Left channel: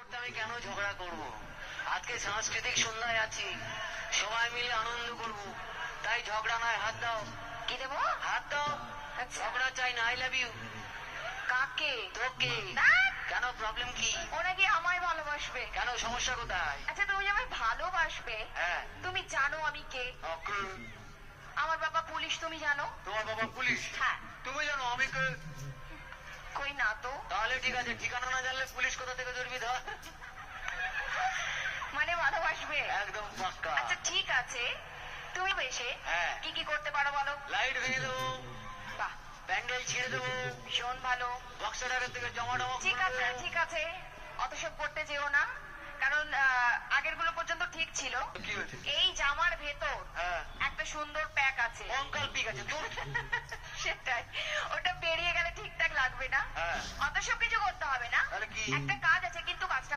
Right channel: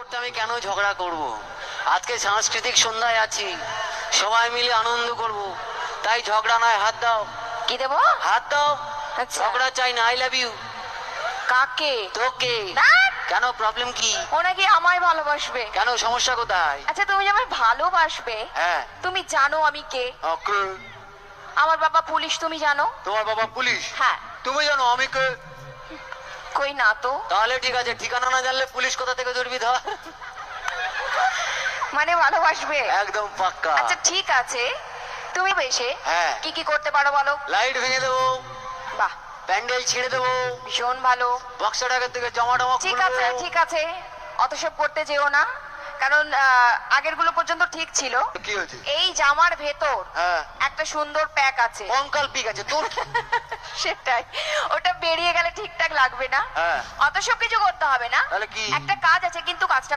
করতে আমি কেন ঝগড়া করব? আজকে সাংস্কৃতিক সন্ধ্যায় আছি, সবাই মিলে আনন্দ করব, তাই ঝগড়া নয়। হাত দাও। কি দেবো? হাত দাও। আচ্ছা। ঝগড়া চাই না। I love you. কাকে? তোকে। ধ্যাৎ, কেন, প্রবলেম কি? ও নাকি আমায় ভালোবাসবে। কেন, সমস্যা কোথায়? আচ্ছা, তুমি যে আমায় ভালোবাসবে, হ্যাঁ। তুমি জানো আমি কে? ওকে। আমার বাবা পুলিশ, তুমি জানো? তোমার বাবা পুলিশ? হ্যাঁ। তুমি জানো আমি কে? কই না তো। তাহলে ঠিক আছে, ঠিকানা না জানলে পুলিশ কোথা থেকে ধরবি ধর। মানে ভালোবাসবে? একদম পাক্কা। আচ্ছা ঠিক আছে, তুমি বেশে হ্যাঁ। কি কি করতে পারো বলো? লাইট ভেঙে দেবো, বাহ, প্যান্ডেল ছিঁড়ে দেবো, ভীষণ ভালো। বক্সের আগের থেকে জামা টামা ঠিক খুলবো। আছে ঠিক আছে, অত সব করতে যেও না, কারণ আগের গুলো পর্যন্ত ঠিক ছিল। কি হয়েছে? এই জামার ভেতর হ্যাঁ। একটা সুন্দর প্যাক আছে। কঙ্কাল পিক আছে তোর। সেটাই, ওটা বেরিয়ে গেলে ঠিকঠাক লাগবে না। হ্যাঁ। অত সব কিছু করতে হবে না। তাহলে কি? একটা কাজ আছে, কিন্তু কাজটা